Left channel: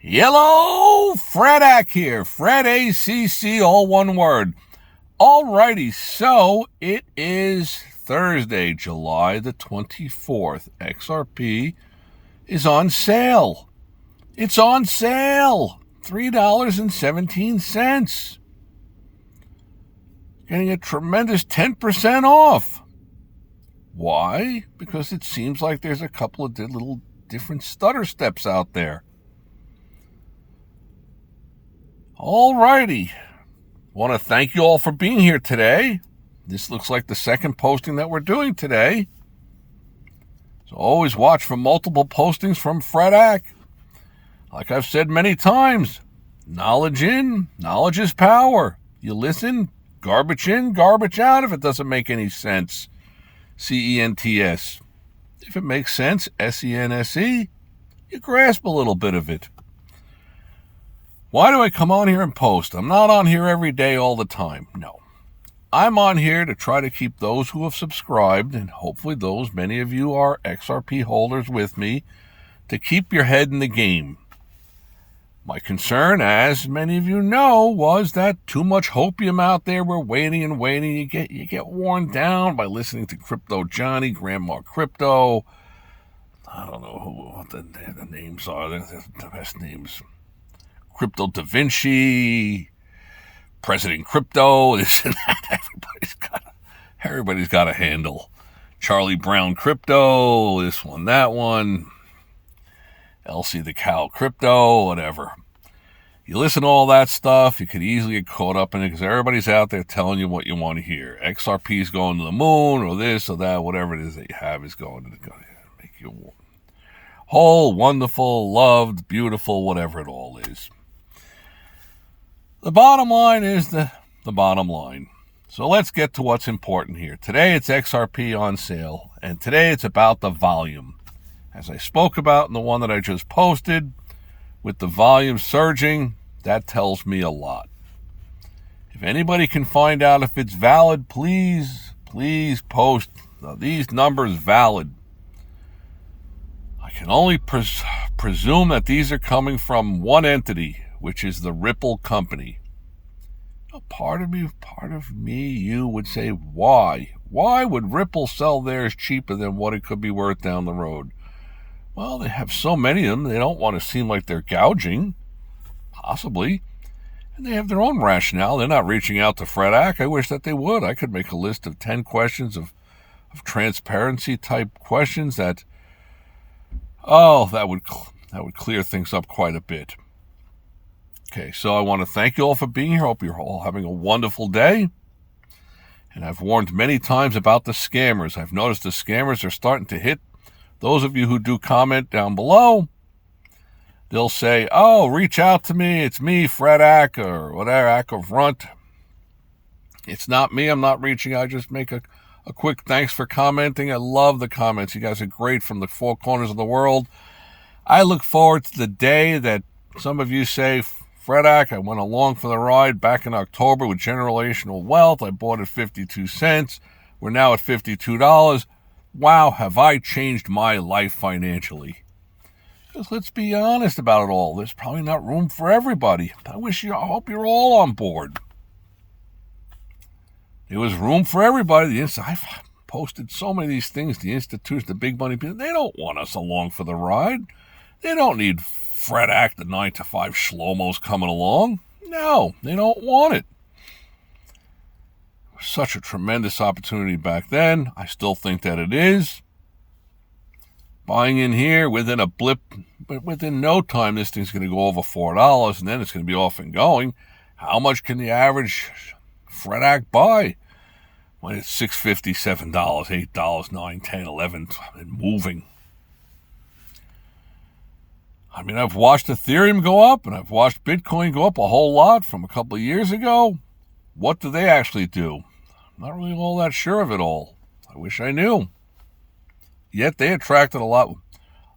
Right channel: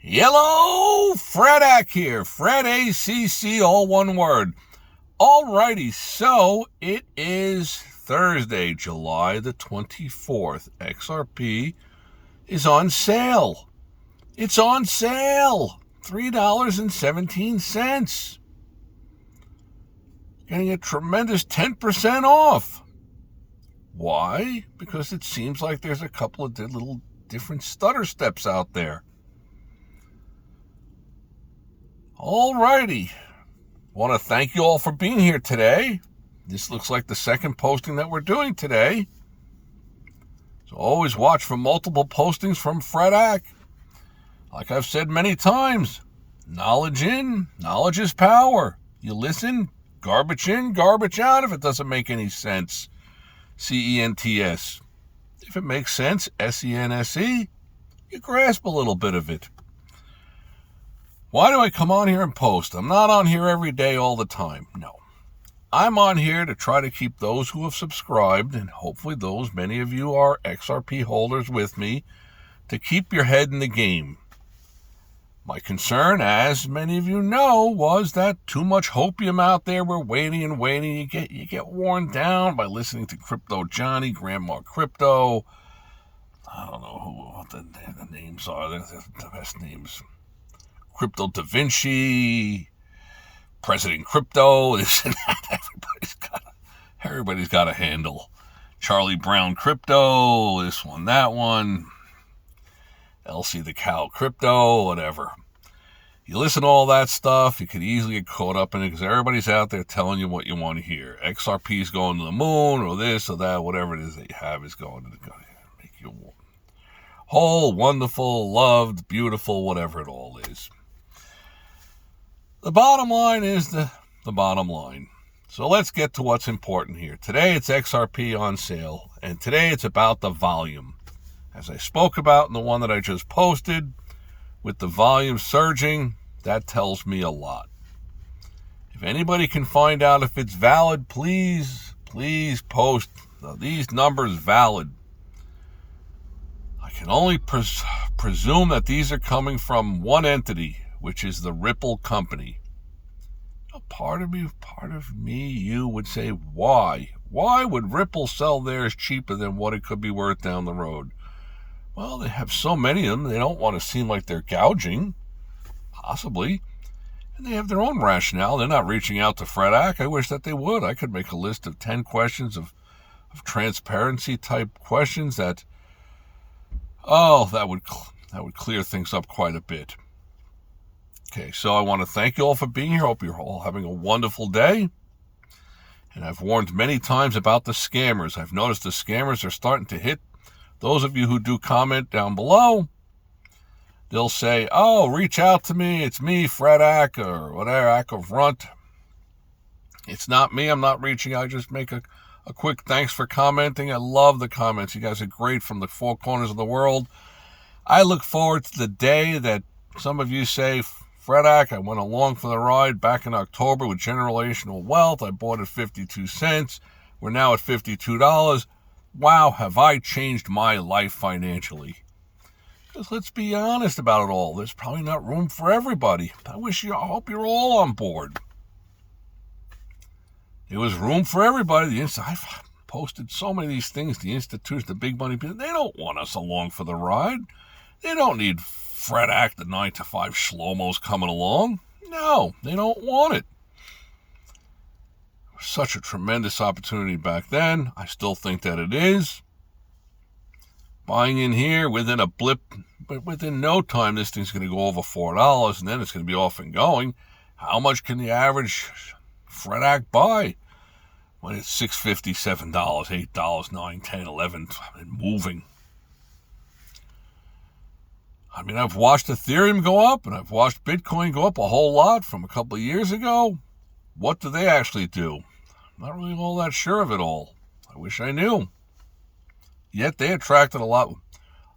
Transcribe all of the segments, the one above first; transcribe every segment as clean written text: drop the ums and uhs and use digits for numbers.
Hello, Fredak here. Fred ACC, all one word. Alrighty, so it is Thursday, July the 24th. XRP is on sale. It's on sale. $3.17. Getting a tremendous 10% off. Why? Because it seems like there's a couple of little different stutter steps out there. Alrighty. Want to thank you all for being here today. This looks like the second posting that we're doing today. So always watch for multiple postings from Fredak. Like I've said many times, knowledge in, knowledge is power. You listen, garbage in, garbage out if it doesn't make any sense. CENTS. If it makes sense, SENSE, you grasp a little bit of it. Why do I come on here and post? I'm not on here every day all the time. No. I'm on here to try to keep those who have subscribed, and hopefully many of you are XRP holders with me, to keep your head in the game. My concern, as many of you know, was that too much hopium out there. We're waiting and waiting. You get worn down by listening to Crypto Johnny, Grandma Crypto. I don't know what the names are. They're the best names. Crypto Da Vinci, President Crypto, this and that. Everybody's got a handle. Charlie Brown Crypto, this one, that one. Elsie the Cow Crypto, whatever. You listen to all that stuff, you could easily get caught up in it because everybody's out there telling you what you want to hear. XRP is going to the moon, or this or that, whatever it is that you have is going to make you whole, wonderful, loved, beautiful, whatever it all is. The bottom line is the bottom line. So let's get to what's important here. Today it's XRP on sale, and today it's about the volume. As I spoke about in the one that I just posted, with the volume surging, that tells me a lot. If anybody can find out if it's valid, please post these numbers valid. I can only presume that these are coming from one entity, which is the Ripple company. Part of me, you would say, why? Why would Ripple sell theirs cheaper than what it could be worth down the road? Well, they have so many of them, they don't want to seem like they're gouging, possibly. And they have their own rationale. They're not reaching out to Fredak. I wish that they would. I could make a list of 10 questions of transparency type questions that would clear things up quite a bit. Okay, so I want to thank you all for being here. Hope you're all having a wonderful day. And I've warned many times about the scammers. I've noticed the scammers are starting to hit those of you who do comment down below. They'll say, oh, reach out to me. It's me, Fredak, or whatever, Runt. It's not me. I'm not reaching out. I just make a quick thanks for commenting. I love the comments. You guys are great from the four corners of the world. I look forward to the day that some of you say, Fredak, I went along for the ride back in October with Generational Wealth. I bought at 52 cents. We're now at $52. Wow, have I changed my life financially? Because let's be honest about it all. There's probably not room for everybody. I hope you're all on board. There was room for everybody. I've posted so many of these things. The institutions, the big money people, they don't want us along for the ride. They don't need Fredak, the 9-to-5 Shlomos coming along. No, they don't want it. It was such a tremendous opportunity back then. I still think that it is. Buying in here within a blip, but within no time, this thing's going to go over $4, and then it's going to be off and going. How much can the average Fredak buy when it's $6.50, $7, $8, $9, $10, $11, and moving? I mean, I've watched Ethereum go up, and I've watched Bitcoin go up a whole lot from a couple of years ago. What do they actually do? I'm not really all that sure of it all. I wish I knew. Yet they attracted a lot.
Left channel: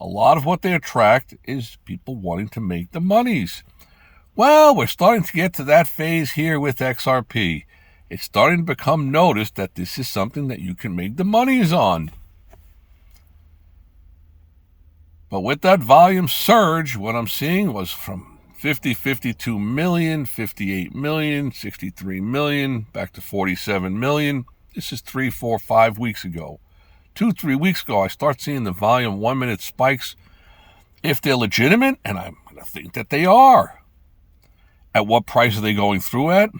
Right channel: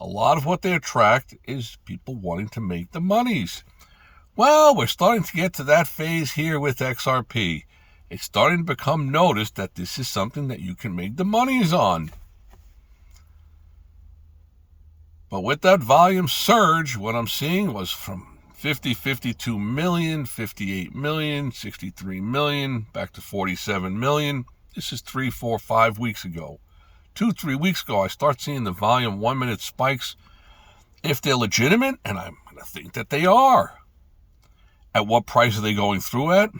A lot of what they attract is people wanting to make the monies. Well, we're starting to get to that phase here with XRP. It's starting to become noticed that this is something that you can make the monies on. But with that volume surge, what I'm seeing was from 50, 52 million, 58 million, 63 million, back to 47 million. This is 3, 4, 5 weeks ago. 2, 3 weeks ago, I start seeing the volume 1 minute spikes. If they're legitimate, and I'm going to think that they are, at what price are they going through at?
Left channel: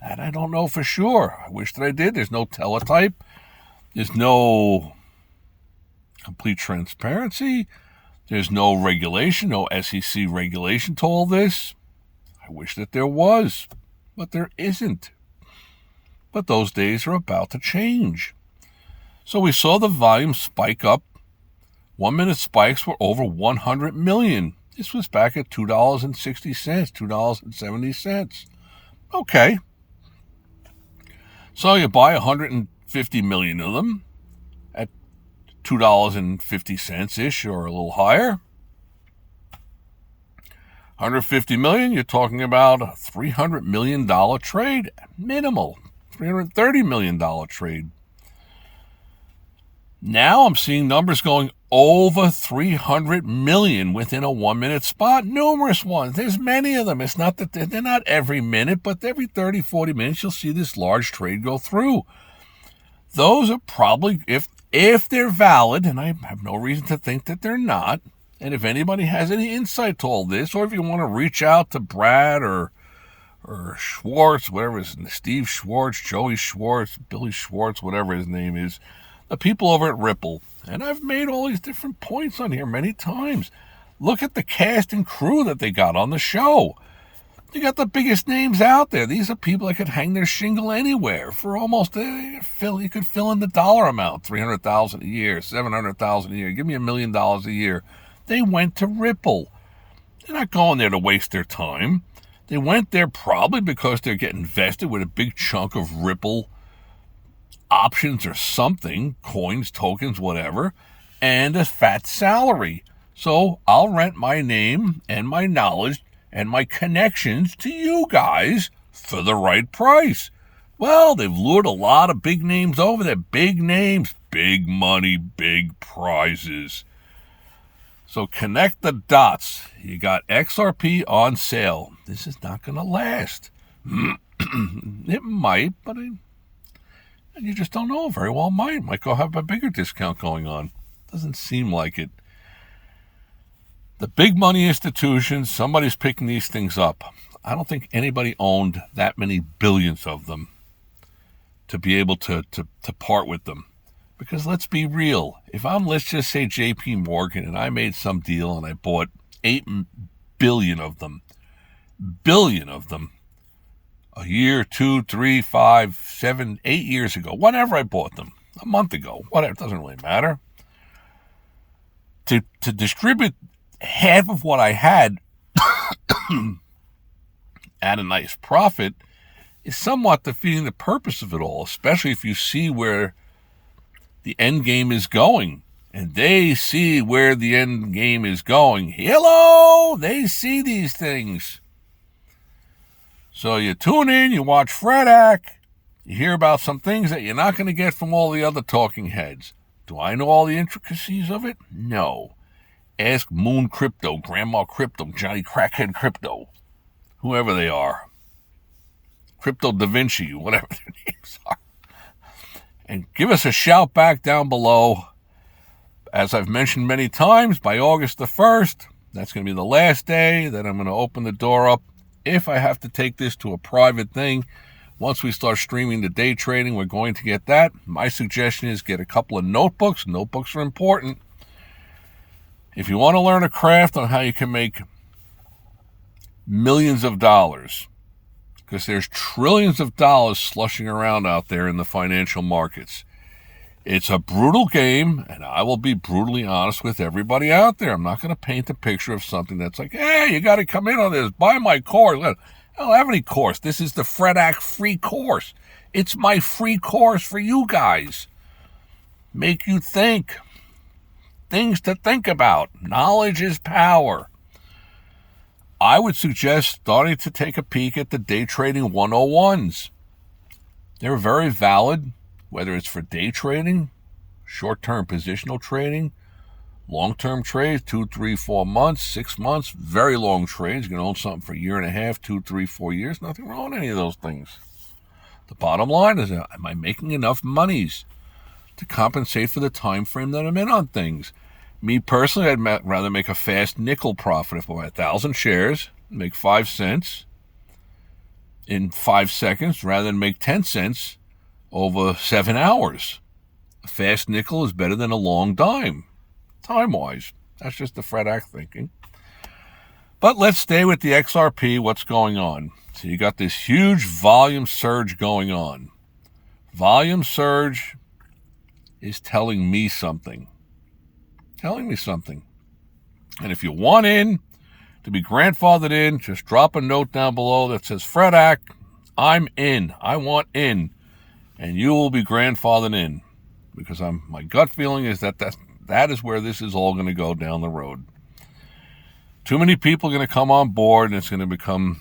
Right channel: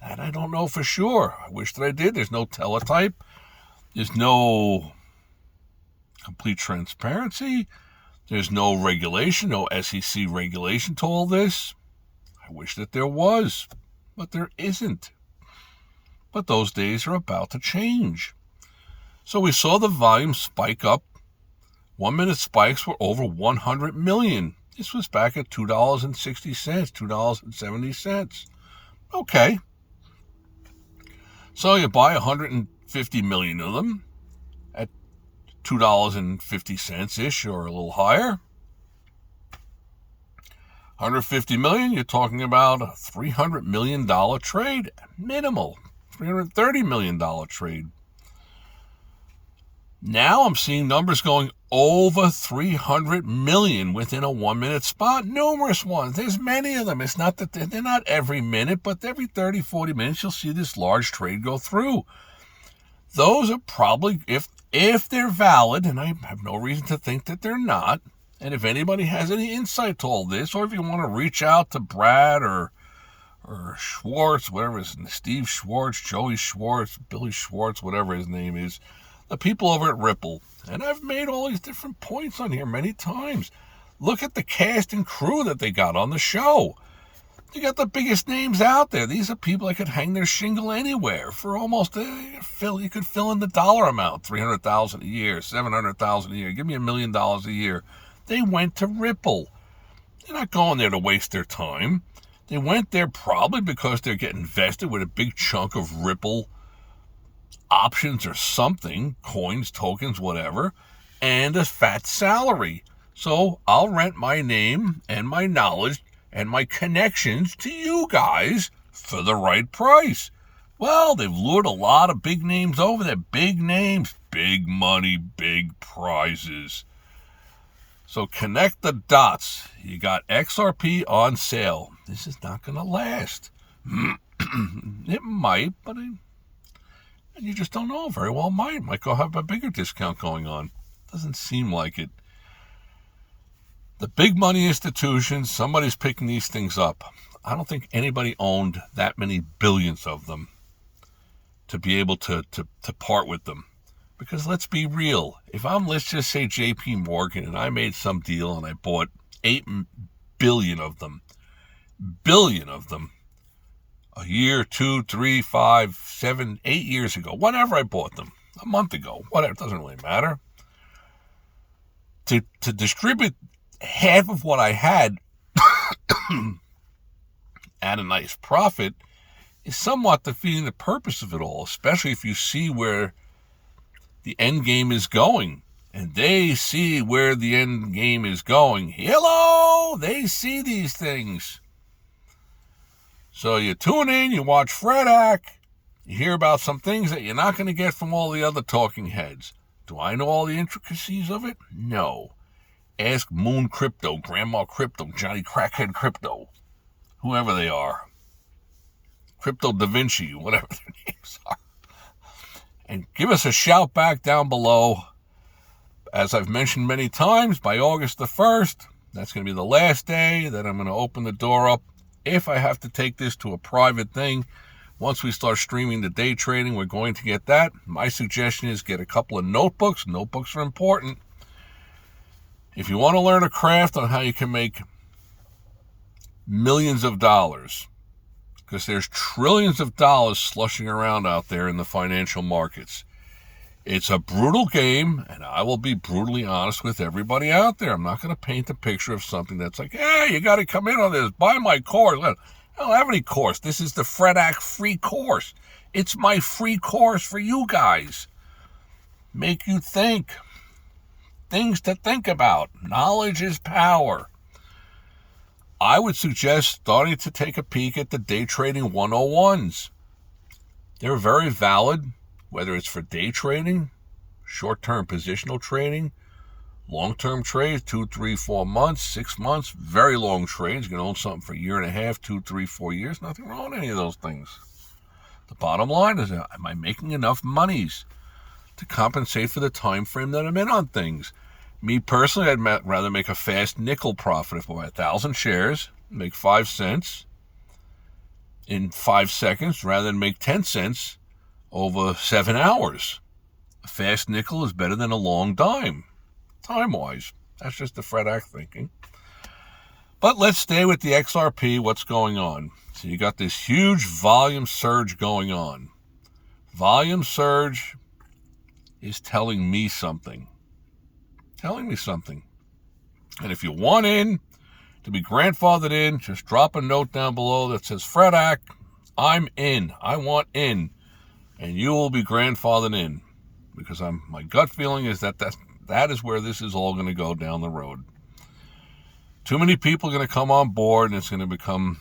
That I don't know for sure. I wish that I did. There's no teletype. There's no complete transparency. There's no regulation, no SEC regulation to all this. I wish that there was, but there isn't. But those days are about to change. So we saw the volume spike up. 1 minute spikes were over 100 million. This was back at $2.60, $2.70. Okay. So you buy 150 million of them at $2.50-ish or a little higher. 150 million, you're talking about a $300 million trade, minimal, $330 million trade. Now I'm seeing numbers going over 300 million within a 1 minute spot. Numerous ones. There's many of them. It's not that they're not every minute, but every 30, 40 minutes you'll see this large trade go through. Those are probably, if they're valid, and I have no reason to think that they're not, and if anybody has any insight to all this, or if you want to reach out to Brad or Schwartz, whatever his name, Steve Schwartz, Joey Schwartz, Billy Schwartz, whatever his name is, the people over at Ripple. And I've made all these different points on here many times. Look at the cast and crew that they got on the show. You got the biggest names out there. These are people that could hang their shingle anywhere for almost, you could fill in the dollar amount, $300,000 a year, $700,000 a year. Give me $1 million a year. They went to Ripple. They're not going there to waste their time. They went there probably because they're getting vested with a big chunk of Ripple options or something, coins, tokens, whatever, and a fat salary. So I'll rent my name and my knowledge and my connections to you guys for the right price. Well, they've lured a lot of big names over there. Big names, big money, big prizes. So connect the dots. You got XRP on sale. This is not going to last. It might, but you just don't know. Very well might go have a bigger discount going on. Doesn't seem like it. The big money institutions, somebody's picking these things up. I don't think anybody owned that many billions of them to be able to part with them. Because let's be real. If I'm, let's just say, JP Morgan, and I made some deal and I bought 8 billion of them, a year, 2, 3, 5, 7, 8 years ago, whenever I bought them, a month ago, whatever, it doesn't really matter. To distribute half of what I had at a nice profit is somewhat defeating the purpose of it all, especially if you see where the end game is going. And they see where the end game is going. Hello! They see these things. So you tune in, you watch Fredak, you hear about some things that you're not going to get from all the other talking heads. Do I know all the intricacies of it? No. Ask Moon Crypto, Grandma Crypto, Johnny Crackhead Crypto, whoever they are. Crypto Da Vinci, whatever their names are. And give us a shout back down below. As I've mentioned many times, by August the 1st, that's going to be the last day that I'm going to open the door up. If I have to take this to a private thing, once we start streaming the day trading, we're going to get that. My suggestion is get a couple of notebooks. Notebooks are important. If you want to learn a craft on how you can make millions of dollars, because there's trillions of dollars slushing around out there in the financial markets. It's a brutal game, and I will be brutally honest with everybody out there. I'm not going to paint a picture of something that's like, hey, you got to come in on this. Buy my course. I don't have any course. This is the Fredak free course. It's my free course for you guys. Make you think. Things to think about. Knowledge is power. I would suggest starting to take a peek at the day trading 101s. They're very valid, whether it's for day trading, short-term positional trading, Long-term trades, 2, 3, 4 months, 6 months, very long trades. You can own something for a year and a half, 2, 3, 4 years. Nothing wrong with any of those things. The bottom line is, am I making enough monies to compensate for the time frame that I'm in on things? Me personally, I'd rather make a fast nickel profit. If I buy 1,000 shares, make 5 cents in 5 seconds rather than make 10 cents over 7 hours. A fast nickel is better than a long dime, time-wise. That's just the Fred Act thinking. But let's stay with the XRP. What's going on? So you got this huge volume surge going on. Volume surge is telling me something. And if you want in, to be grandfathered in, just drop a note down below that says, Fred Act, I'm in. I want in. And you will be grandfathered in. Because my gut feeling is that is where this is all going to go down the road. Too many people are going to come on board, and it's going to become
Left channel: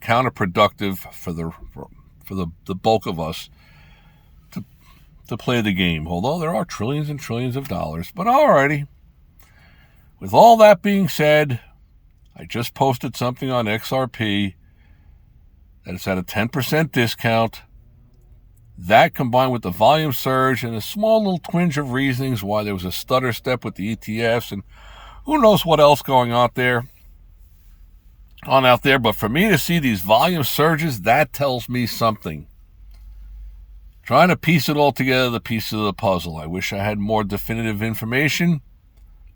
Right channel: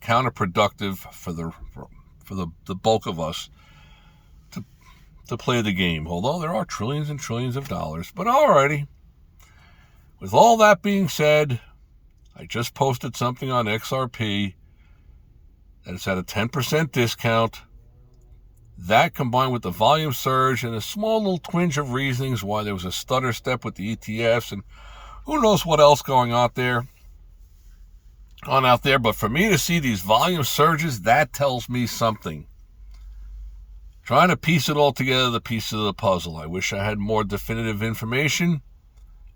counterproductive for the bulk of us to play the game. Although there are trillions and trillions of dollars. But alrighty. With all that being said, I just posted something on XRP that it's at a 10% discount. That combined with the volume surge and a small little twinge of reasonings why there was a stutter step with the ETFs and who knows what else going on out there. But for me to see these volume surges, that tells me something. Trying to piece it all together, the pieces of the puzzle. I wish I had more definitive information.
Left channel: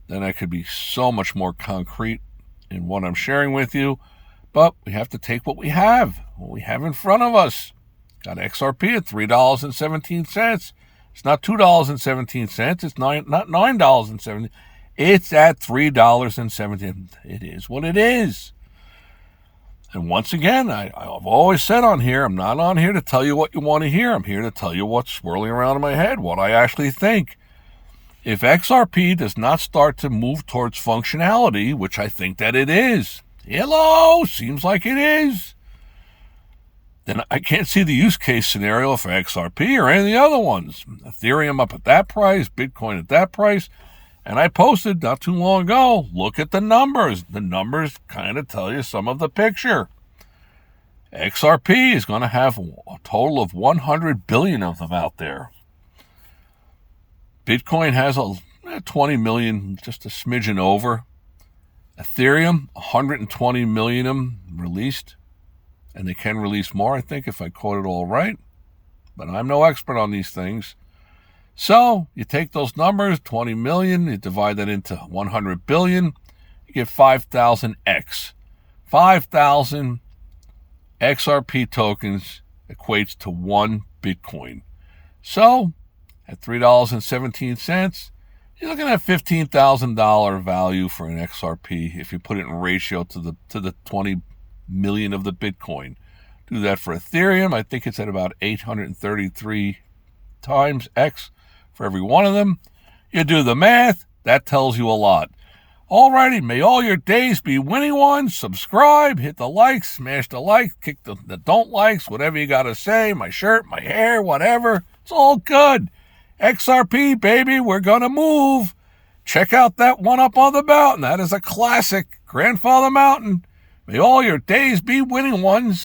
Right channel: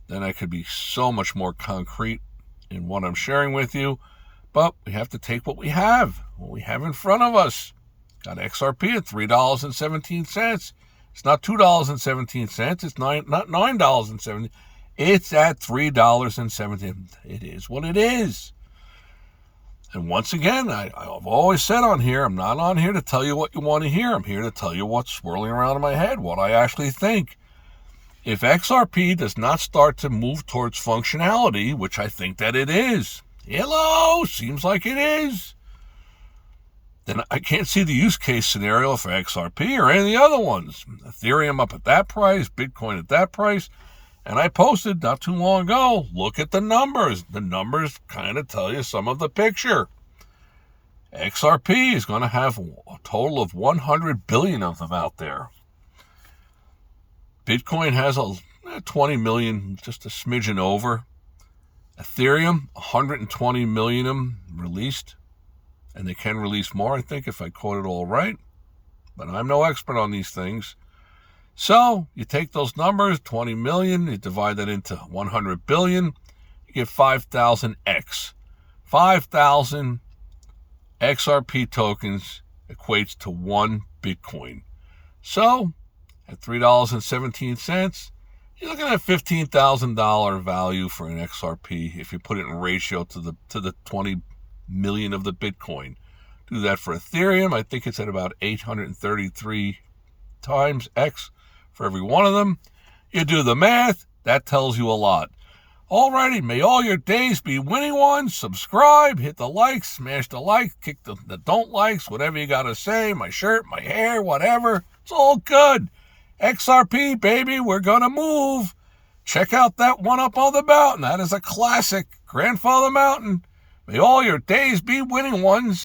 Then I could be so much more concrete in what I'm sharing with you. But we have to take what we have in front of us. Got XRP at $3.17. It's not $2.17. It's not $9.70. It's at $3.17. It is what it is. And once again, I've always said on here, I'm not on here to tell you what you want to hear. I'm here to tell you what's swirling around in my head, what I actually think. If XRP does not start to move towards functionality, which I think that it is, seems like it is, then I can't see the use case scenario for XRP or any of the other ones. Ethereum up at that price, Bitcoin at that price. And I posted not too long ago, look at the numbers. The numbers kind of tell you some of the picture. XRP is going to have a total of 100 billion of them out there. Bitcoin has 20 million, just a smidgen over. Ethereum, 120 million of them released. And they can release more, I think, if I quote it all right. But I'm no expert on these things. So you take those numbers, 20 million, you divide that into 100 billion, you get 5,000x. 5,000 XRP tokens equates to 1 Bitcoin. So at $3.17, you're looking at $15,000 value for an XRP if you put it in ratio to the 20 million of the Bitcoin. Do that for Ethereum. I think it's at about 833 times X for every one of them. You do the math, that tells you a lot. Alrighty, may all your days be winning ones. Subscribe, hit the like, smash the like, kick the don't likes, whatever you got to say, my shirt, my hair, whatever. It's all good. XRP, baby, we're going to move. Check out that one up on the mountain. That is a classic. Grandfather Mountain. May all your days be winning ones.